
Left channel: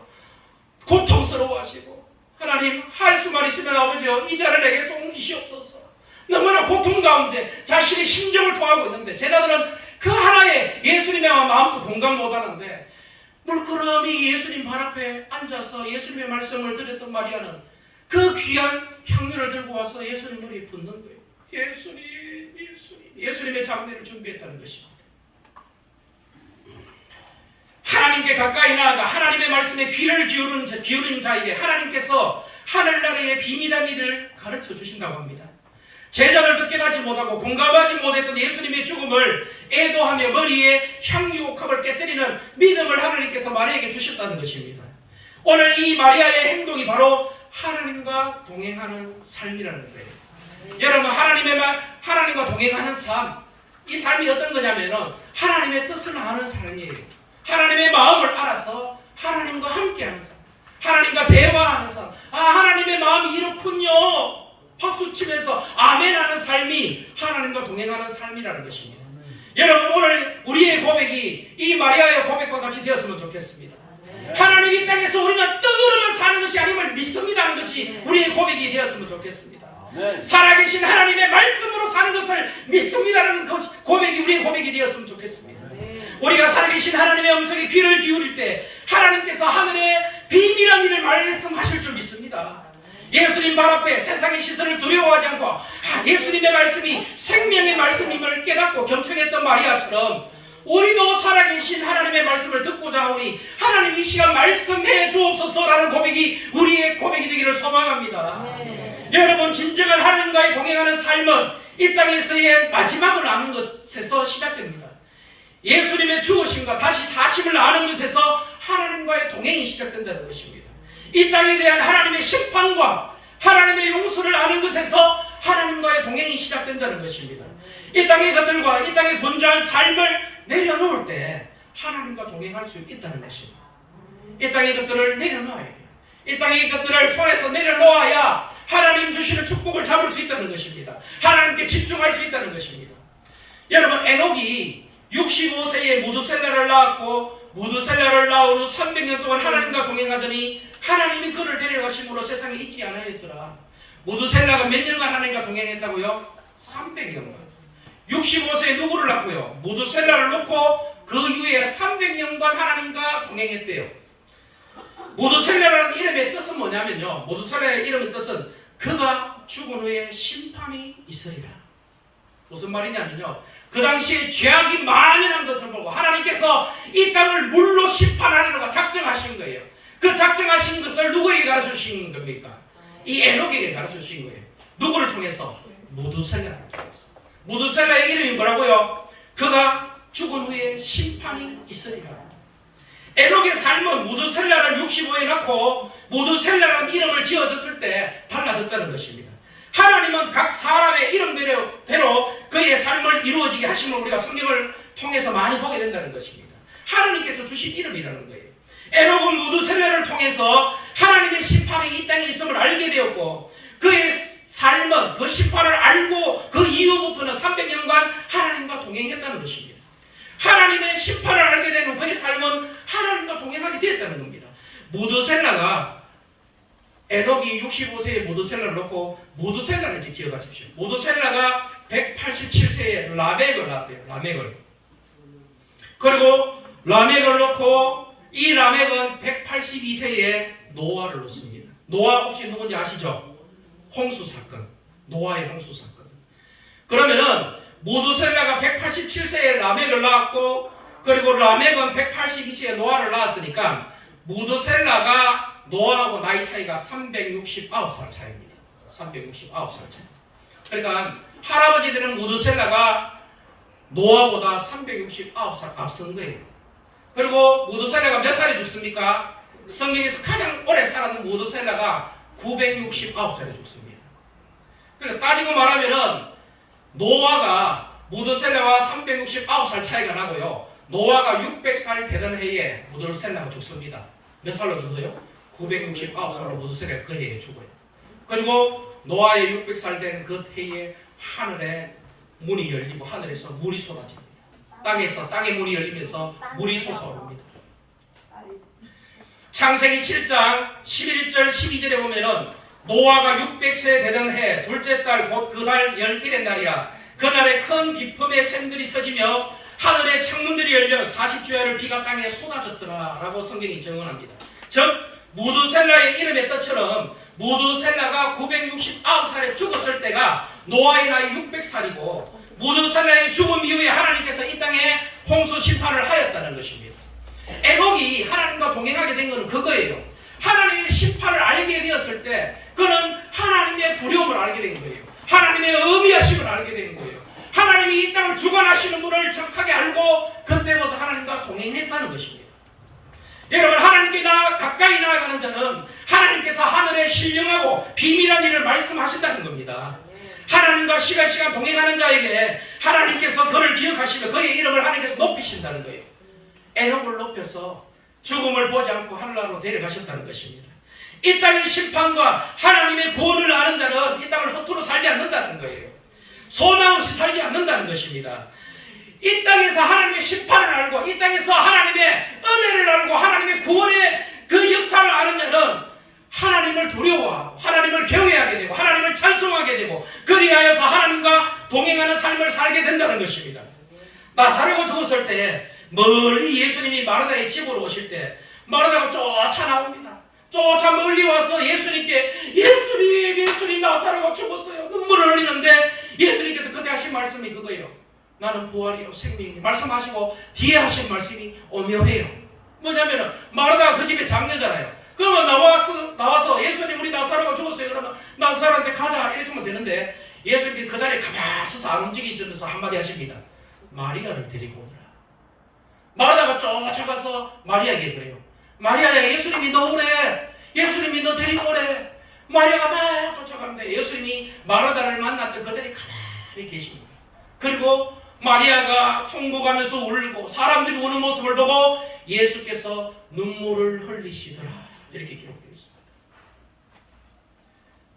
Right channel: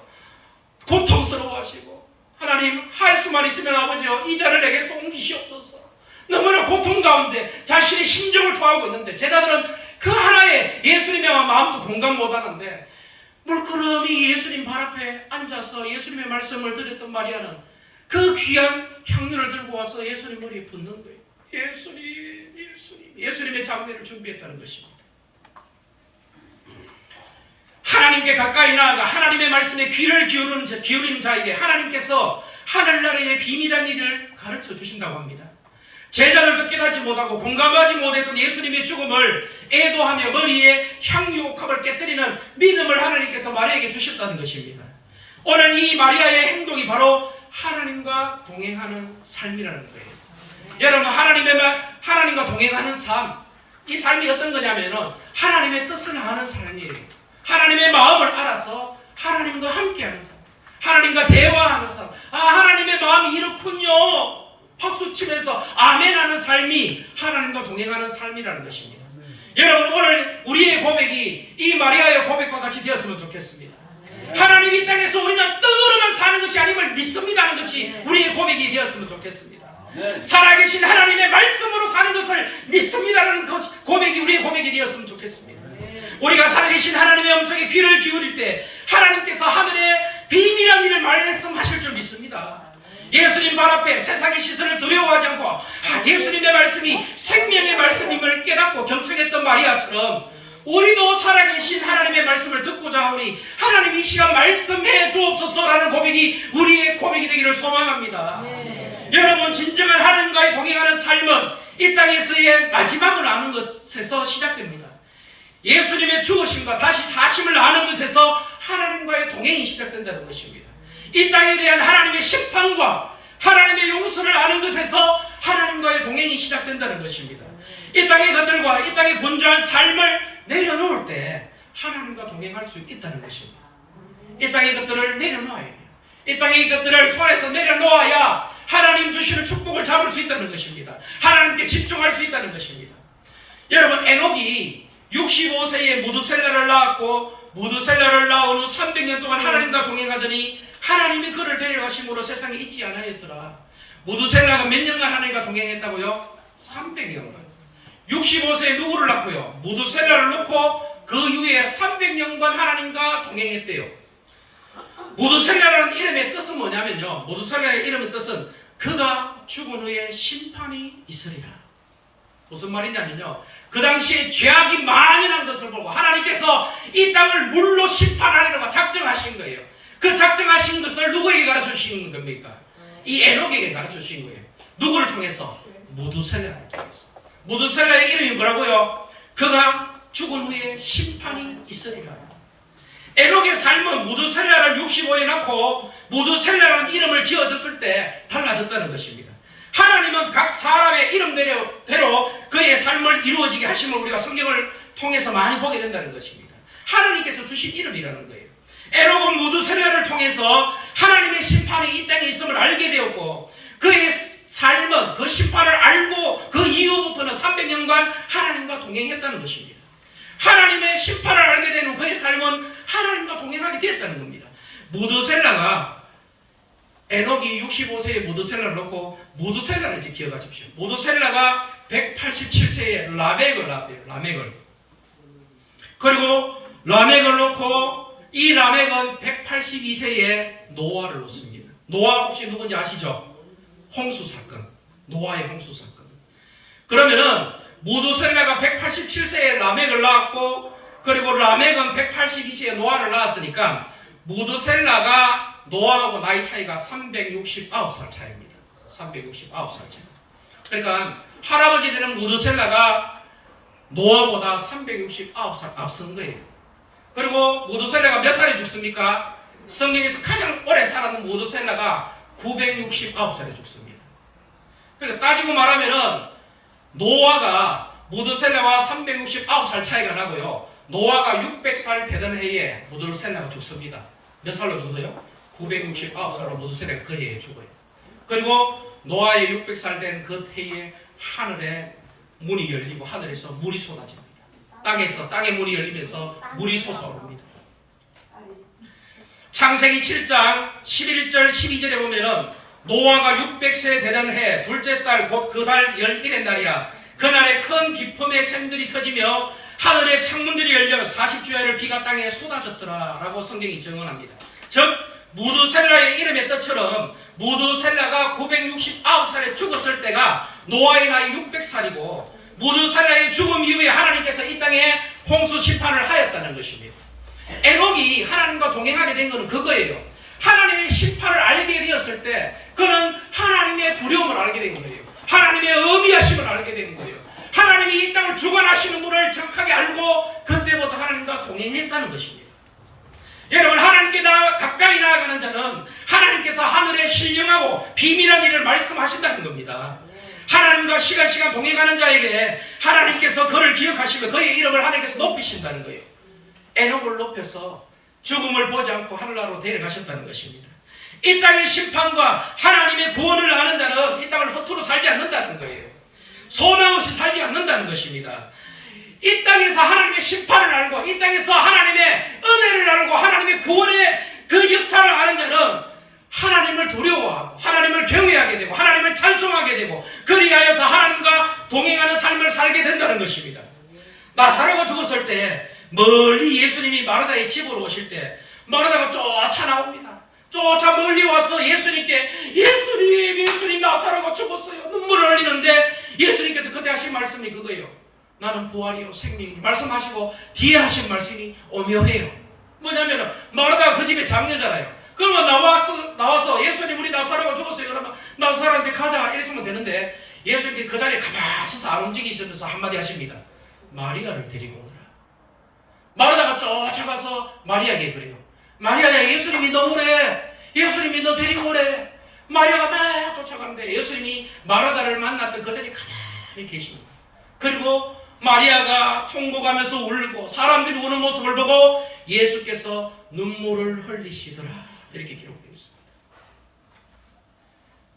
고통스러워하시고 하나님 할 수만 있으면 아버지여 이 자를 내게서 옮기시옵소서. 너무나 고통 가운데 자신의 심정을 토하고 있는데 제자들은 그 하나에 예수님의 마음도 공감 못하는데 물끄러미 예수님 발 앞에 앉아서 예수님의 말씀을 드렸던 마리아는 그 귀한 향유를 들고 와서 예수님 머리에 붓는 거예요. 예수님의 장례를 준비했다는 것입니다. 하나님께 가까이 나아가 하나님의 말씀에 귀를 기울이는 자에게 하나님께서 하늘나라의 비밀한 일을 가르쳐 주신다고 합니다. 제자들도 깨닫지 못하고 공감하지 못했던 예수님의 죽음을 애도하며 머리에 향유 옥합을 깨뜨리는 믿음을 하나님께서 마리아에게 주셨다는 것입니다. 오늘 이 마리아의 행동이 바로 하나님과 동행하는 삶이라는 거예요. 여러분 하나님과 동행하는 삶, 이 삶이 어떤 거냐면은 하나님의 뜻을 아는 삶이에요. 하나님의 마음을 알아서 하나님과 함께하는 삶, 하나님과 대화하는 삶. 하나님의 마음이 이렇군요. 박수치면서 아멘하는 삶이 하나님과 동행하는 삶이라는 것입니다. 여러분 오늘 우리의 고백이 이 마리아의 고백과 같이 되었으면 좋겠습니다. 하나님 이 땅에서 우리는 떡으로만 사는 것이 아님을 믿습니다는 것이 우리의 고백이 되었으면 좋겠습니다. 살아계신 하나님의 말씀으로 사는 것을 믿습니다라는 고백이 우리의 고백이 되었으면 좋겠습니다. 우리가 살아계신 하나님의 음성에 귀를 기울일 때 하나님께서 하늘의 비밀한 일을 말씀하실 줄 믿습니다. 예수님 발 앞에 세상의 시선을 두려워하지 않고 예수님의 말씀이 생명의 말씀임을 깨닫고 경청했던 마리아처럼 우리도 살아계신 하나님의 말씀을 듣고자 하오니 하나님 이 시간 말씀해 주옵소서라는 고백이 우리의 고백이 되기를 소망합니다. 여러분 진정한 하나님과의 동행하는 삶은 이 땅에서의 마지막을 아는 것에서 시작됩니다. 예수님의 죽으심과 다시 사심을 아는 것에서 하나님과의 동행이 시작된다는 것입니다. 이 땅에 대한 하나님의 심판과 하나님의 용서를 아는 것에서 하나님과의 동행이 시작된다는 것입니다. 이 땅의 것들과 이 땅의 분주한 삶을 내려놓을 때 하나님과 동행할 수 있다는 것입니다. 이 땅의 것들을 내려놓아야 해요. 이 땅의 것들을 손에서 내려놓아야 하나님 주시는 축복을 잡을 수 있다는 것입니다. 하나님께 집중할 수 있다는 것입니다. 여러분 에녹이 65세에 무두셀라를 낳았고 무두셀라를 낳은 후 300년 동안 하나님과 동행하더니 하나님이 그를 데려가심으로 세상에 있지 않았더라. 무두셀라가 몇 년간 하나님과 동행했다고요? 300년간. 65세에 누구를 낳고요? 무두셀라를 놓고 그 이후에 300년간 하나님과 동행했대요. 무두셀라라는 이름의 뜻은 뭐냐면요. 무두셀라의 이름의 뜻은 그가 죽은 후에 심판이 있으리라. 무슨 말이냐면요. 그 당시에 죄악이 만연한 것을 보고 하나님께서 이 땅을 물로 심판하려고 작정하신 거예요. 그 작정하신 것을 누구에게 가르쳐 주신 겁니까? 이 에녹에게 가르쳐 주신 거예요. 누구를 통해서? 무두셀라를 통해서. 무두셀라의 이름이 뭐라고요? 그가 죽은 후에 심판이 있으리라. 에녹의 삶은 무두셀라를 65에 낳고 무두셀라라는 이름을 지어졌을 때 달라졌다는 것입니다. 하나님은 각 사람의 이름대로 그의 삶을 이루어지게 하심을 우리가 성경을 통해서 많이 보게 된다는 것입니다. 하나님께서 주신 이름이라는 거예요. 에녹은 무두셀라를 통해서 하나님의 심판이 이 땅에 있음을 알게 되었고 그의 삶은 그 심판을 알고 그 이후부터는 300년간 하나님과 동행했다는 것입니다. 하나님의 심판을 알게 된 후 그의 삶은 하나님과 동행하게 되었다는 겁니다. 무두셀라가 에녹이 65세에 무두셀라를 놓고 무두셀라를 이제 기억하십시오. 무두셀라가 187세에 라멕을 낳았대요. 라멕을. 그리고 라멕을 놓고 이 라멕은 182세에 노아를 놓습니다. 노아 혹시 누군지 아시죠? 홍수 사건. 노아의 홍수 사건. 그러면은 무두셀라가 187세에 라멕을 낳았고 그리고 라멕은 182세에 노아를 낳았으니까 무두셀라가 노아하고 나이 차이가 369살 차이입니다. 369살 차이. 그러니까 할아버지 되는 무두셀라가 노아보다 369살 앞선 거예요. 그리고 무두셀라가 몇 살에 죽습니까? 성경에서 가장 오래 살았는 무두셀라가 969살에 죽습니다. 그러니까 따지고 말하면은 노아가 무두셀라와 369살 차이가 나고요. 노아가 600살 되던 해에 무두셀라가 죽습니다. 몇 살로 죽어요? 969살로 무두셀라가 그 해에 죽어요. 그리고 노아의 600살 된 그 해에 하늘에 문이 열리고 하늘에서 물이 쏟아집니다. 땅에 문이 열리면서 물이 솟아오릅니다. 창세기 7장 11절 12절에 보면은 노아가 600세 되던 해 둘째 달 곧 그 달 11의 날이라 그날에 큰 기품의 샘들이 터지며 하늘의 창문들이 열려 40주야를 비가 땅에 쏟아졌더라 라고 성경이 증언합니다. 즉 무두셀라의 이름의 뜻처럼 무두셀라가 969살에 죽었을 때가 노아의 나이 600살이고 무두셀라의 죽음 이후에 하나님께서 이 땅에 홍수 심판을 하였다는 것입니다. 에녹이 하나님과 동행하게 된 것은 그거예요. 하나님의 심판을 알게 되었을 때 그는 하나님의 두려움을 알게 된 거예요. 하나님의 어미하심을 알게 된 거예요. 하나님이 이 땅을 주관하시는 분을 정확하게 알고 그때부터 하나님과 동행했다는 것입니다. 여러분 하나님께 가까이 나아가는 자는 하나님께서 하늘에 신령하고 비밀한 일을 말씀하신다는 겁니다. 하나님과 시간 동행하는 자에게 하나님께서 그를 기억하시며 그의 이름을 하나님께서 높이신다는 거예요. 에녹을 높여서 죽음을 보지 않고 하늘나라로 데려가셨다는 것입니다. 이 땅의 심판과 하나님의 구원을 아는 자는 이 땅을 허투루 살지 않는다는 거예요. 소망 없이 살지 않는다는 것입니다. 이 땅에서 하나님의 심판을 알고 이 땅에서 하나님의 은혜를 알고 하나님의 구원의 그 역사를 아는 자는 하나님을 두려워하고 하나님을 경외하게 되고 하나님을 찬송하게 되고 그리하여서 하나님과 동행하는 삶을 살게 된다는 것입니다. 나사로가 죽었을 때 멀리 예수님이 마르다의 집으로 오실 때 마르다가 쫓아 나옵니다. 쫓아 멀리 와서 예수님께 예수님 나사로가 죽었어요. 눈물을 흘리는데 예수님께서 그때 하신 말씀이 그거예요. 나는 부활이요 생명이요 말씀하시고 뒤에 하신 말씀이 오묘해요. 뭐냐면 마르다가 그 집에 장녀잖아요. 그러면 나와서 예수님 우리 나사로가 죽었어요. 그러면 나사로한테 가자 이랬으면 되는데 예수님이 그 자리에 가만히 서서 안 움직이시면서 한마디 하십니다. 마리아를 데리고 오너라. 마르다가 쫓아가서 마리아에게 그래요. 마리아야 예수님이 너 오래. 예수님이 너 데리고 오래. 마리아가 막 쫓아가는데 예수님이 마르다를 만났던 그 자리에 가만히 계십니다. 그리고 마리아가 통곡하면서 울고 사람들이 우는 모습을 보고 예수께서 눈물을 흘리시더라 이렇게 기록되어 있습니다.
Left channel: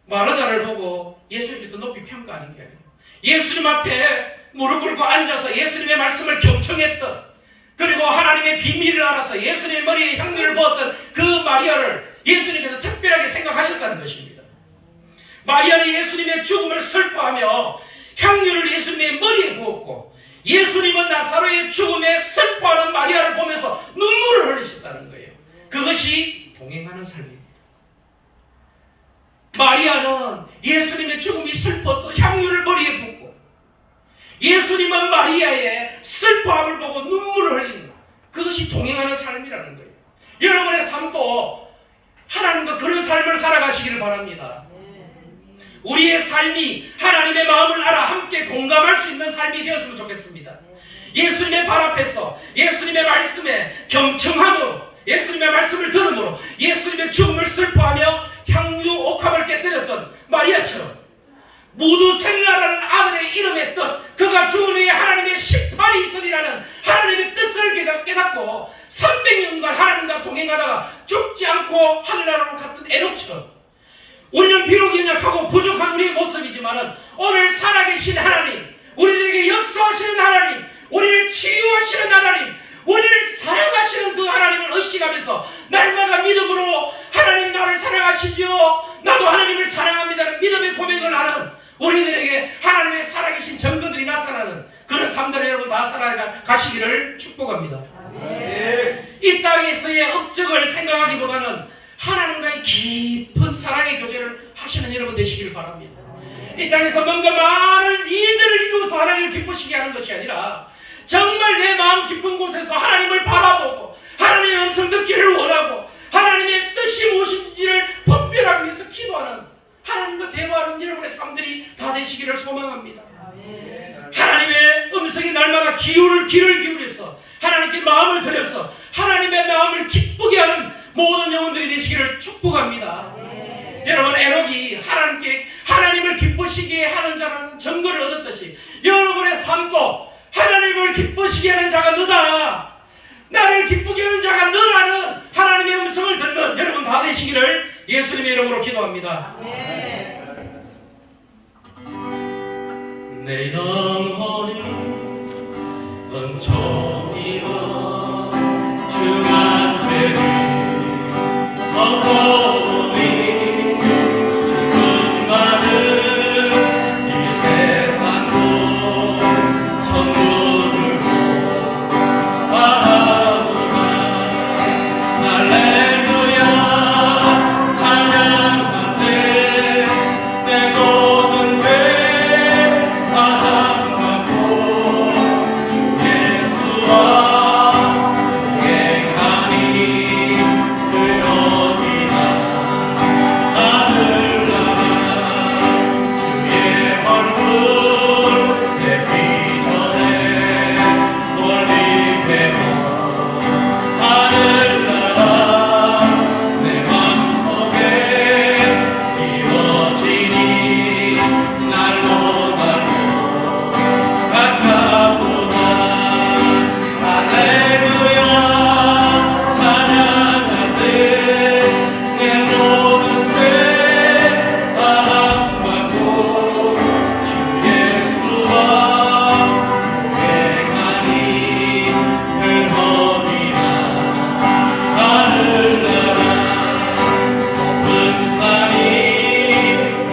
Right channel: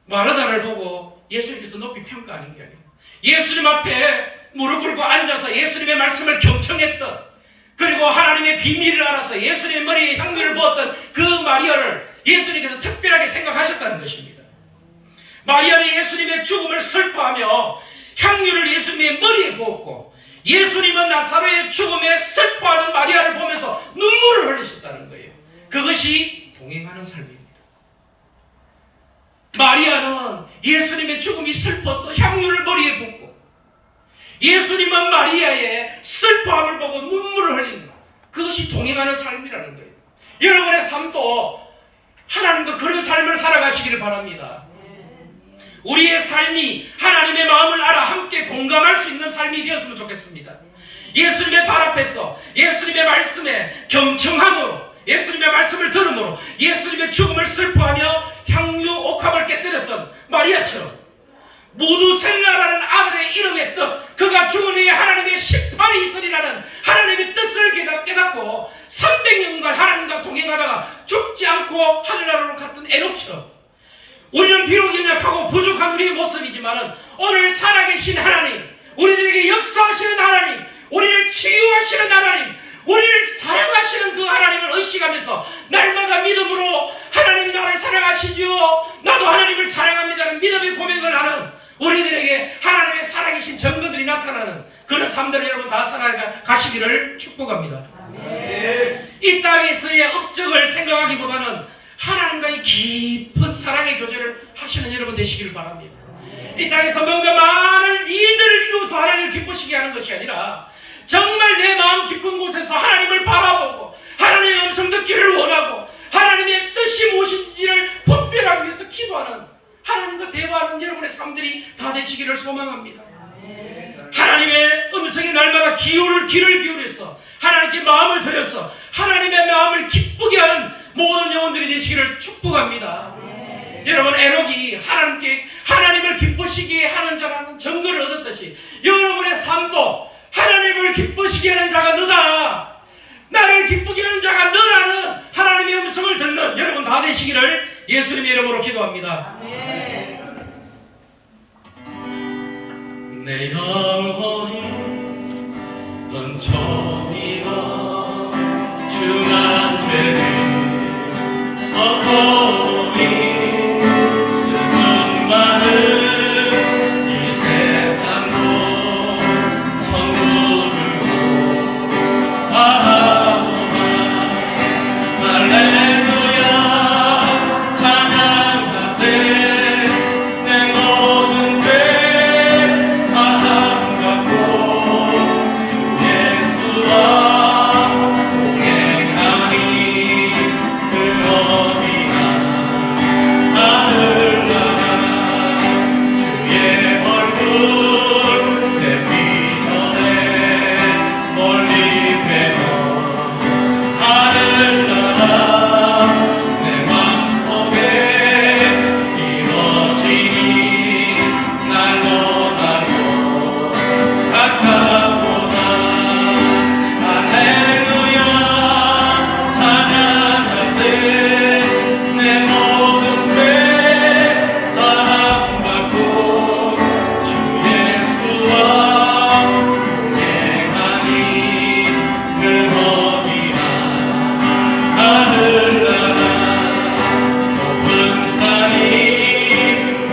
마르다를 보고 예수님께서 높이 평가하는 게 아니고 예수님 앞에 무릎 꿇고 앉아서 예수님의 말씀을 경청했던 그리고 하나님의 비밀을 알아서 예수님의 머리에 향유를 부었던 그 마리아를 예수님께서 특별하게 생각하셨다는 것입니다. 마리아는 예수님의 죽음을 슬퍼하며 향유를 예수님의 머리에 부었고 예수님은 나사로의 죽음에 슬퍼하는 마리아를 보면서 눈물을 흘리셨다는 거예요. 그것이 동행하는 삶입니다. 마리아는 예수님의 죽음이 슬퍼서 향유를 머리에 붓고 예수님은 마리아의 슬퍼함을 보고 눈물을 흘리는 그것이 동행하는 삶이라는 거예요. 여러분의 삶도 하나님과 그런 삶을 살아가시기를 바랍니다. 우리의 삶이 하나님의 마음을 알아 함께 공감할 수 있는 삶이 되었으면 좋겠습니다. 예수님의 발 앞에서 예수님의 말씀에 경청함으로, 예수님의 말씀을 들음으로 예수님의 죽음을 슬퍼하며 향유 옥합을 깨뜨렸던 마리아처럼 모두 생라라는 아들의 이름의 뜻, 그가 죽은 후에 하나님의 심판이 있으리라는 하나님의 뜻을 깨닫고 300년간 하나님과 동행하다가 죽지 않고 하늘나라로 갔던 에녹처럼 우리는 비록 연약하고 부족한 우리의 모습이지만 오늘 살아계신 하나님, 우리들에게 역사하시는 하나님, 우리를 치유하시는 하나님, 우리를 사랑하시는 그 하나님을 의식하면서 날마다 믿음으로 하나님 나를 사랑하시지요, 나도 하나님을 사랑합니다는 믿음의 고백을 하는 우리들에게 하나님의 살아계신 증거들이 나타나는 그런 삶들을 여러분 다 살아가시기를 축복합니다. 이 땅에서의 업적을 생각하기보다는 하나님과의 깊은 사랑의 교제를 하시는 여러분 되시기를 바랍니다. 이 땅에서 뭔가 많은 일들을 이루어서 하나님을 기쁘시게 하는 것이 아니라 정말 내 마음 깊은 곳에서 하나님을 바라보고 하나님의 음성 듣기를 원하고 하나님의 뜻이 무엇인지를 분별하기 위해서 기도하는, 하나님과 대화하는 여러분의 삶들이 다 되시기를 소망합니다. 하나님의 음성이 날마다 귀를 기울여서 하나님께 마음을 들여서 하나님의 마음을 기쁘게 하는 모든 영혼들이 되시기를 축복합니다. 여러분, 에녹이 하나님을 기쁘시게 하는 자라는 증거를 얻었듯이 여러분의 삶도 하나님을 기쁘시게 하는 자가 너다, 나를 기쁘게 하는 자가 너라는 하나님의 음성을 듣는 여러분 다 되시기를 예수님의 이름으로 기도합니다. 내 영혼이 은총이라 주난 죄를 얻고니 슬픔 많은 이 세상도 천국을 바라보나 할렐루야 찬양하세 내 모든 죄 사함받고 주 예수와 동행하니 그 어디나 하늘나라 주의 얼굴 뵙기 전에 멀리 뵈어 하늘나라 내 맘속에 이루어지니 날로 가까우나 할렐루야 찬양하세 내 모든 죄 사함받고 주 예수와 동행하니 그 어디나 하늘나라 높은 산이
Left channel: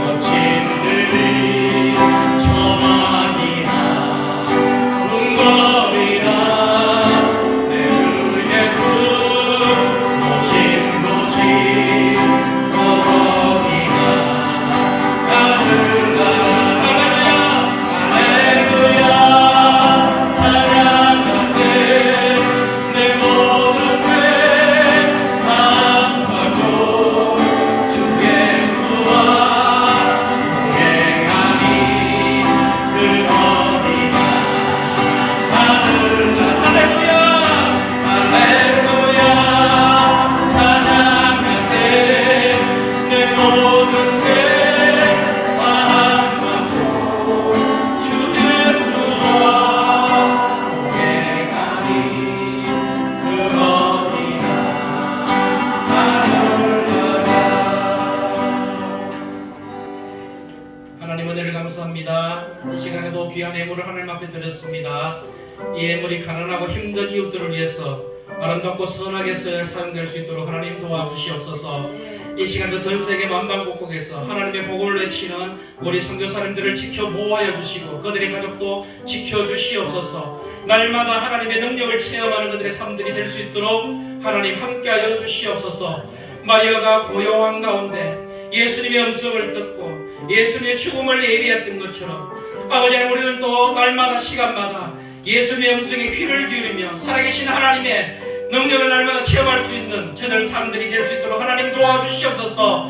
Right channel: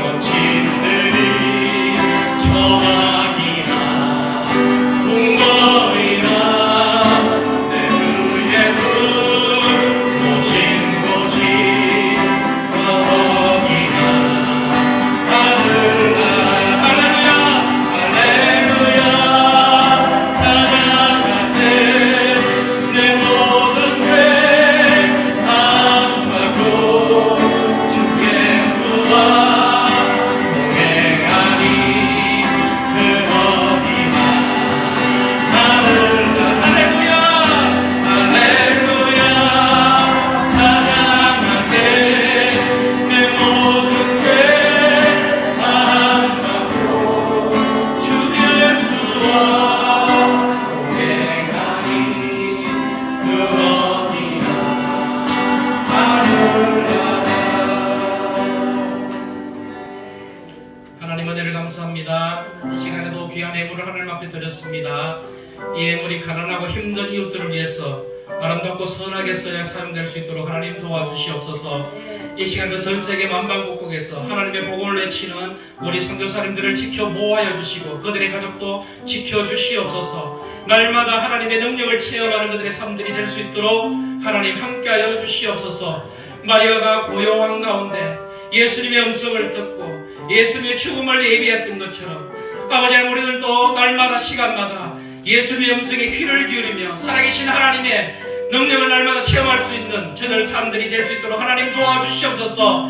거친 들이 저하기나 궁궐이나 내 주 예수 모신 곳이 거기나 하늘나라 할렐루야 찬양하세 내 모든 죄 사함받고 주 예수와 동행하니 그 어디나 할렐루야 찬양하세 내 모든 죄 사함받고 주 예수와 동행하니 그 어디나 하나님 은혜를 감사합니다. 이 시간에도 귀한 예물을 하나님 앞에 드렸습니다. 이 예물이 가난하고 힘든 이웃들을 위해서 아름답고 선하게 사용될 수 있도록 하나님 도와주시옵소서. 이 시간도 전 세계 만방곡곡에서 하나님의 복음을 외치는 우리 선교사님들을 지켜 보호하여 주시고 그들의 가족도 지켜주시옵소서. 날마다 하나님의 능력을 체험하는 그들의 삶들이 될 수 있도록 하나님 함께하여 주시옵소서. 마리아가 고요한 가운데 예수님의 음성을 듣고 예수님의 죽음을 예비했던 것처럼 아버지 하나님, 우리들도 날마다 시간마다 예수님의 음성에 귀를 기울이며 살아계신 하나님의 능력을 날마다 체험할 수 있는 저들 사람들이 될 수 있도록 하나님 도와주시옵소서.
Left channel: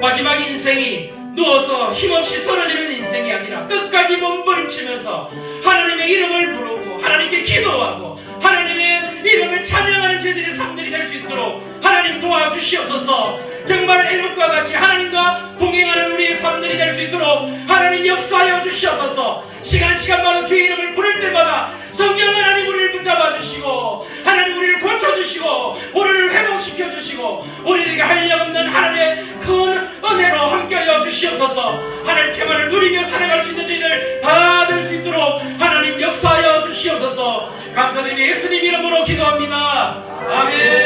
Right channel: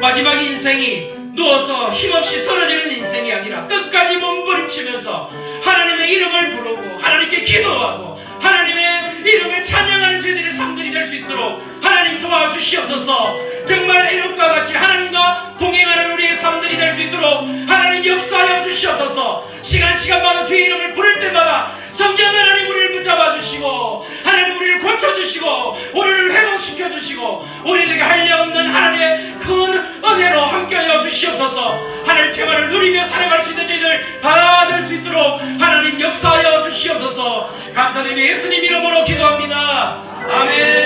마지막 인생이 누워서 힘없이 쓰러지는 인생이 아니라 끝까지 몸부림치면서 하나님의 이름을 부르고 하나님께 기도하고 하나님의 이름을 찬양하는 저희들의 삶들이 될 수 있도록 하나님 도와주시옵소서. 정말 에녹과 같이 하나님과 동행하는 우리의 삶들이 될 수 있도록 하나님 역사하여 주시옵소서. 시간마다 주의 이름을 부를 때마다 성령 하나님 우리를 붙잡아 주시고 하나님 우리를 고쳐주시고 우리를 회복시켜 주시고 우리에게 한량없는 하나님의 큰 은혜로 함께하여 주시옵소서. 하늘 평안을 누리며 살아갈 수 있는 저희들 다 될 수 있도록 하나님 역사하여 주시옵소서. 감사드리며 예수님 이름으로 기도합니다. 아멘.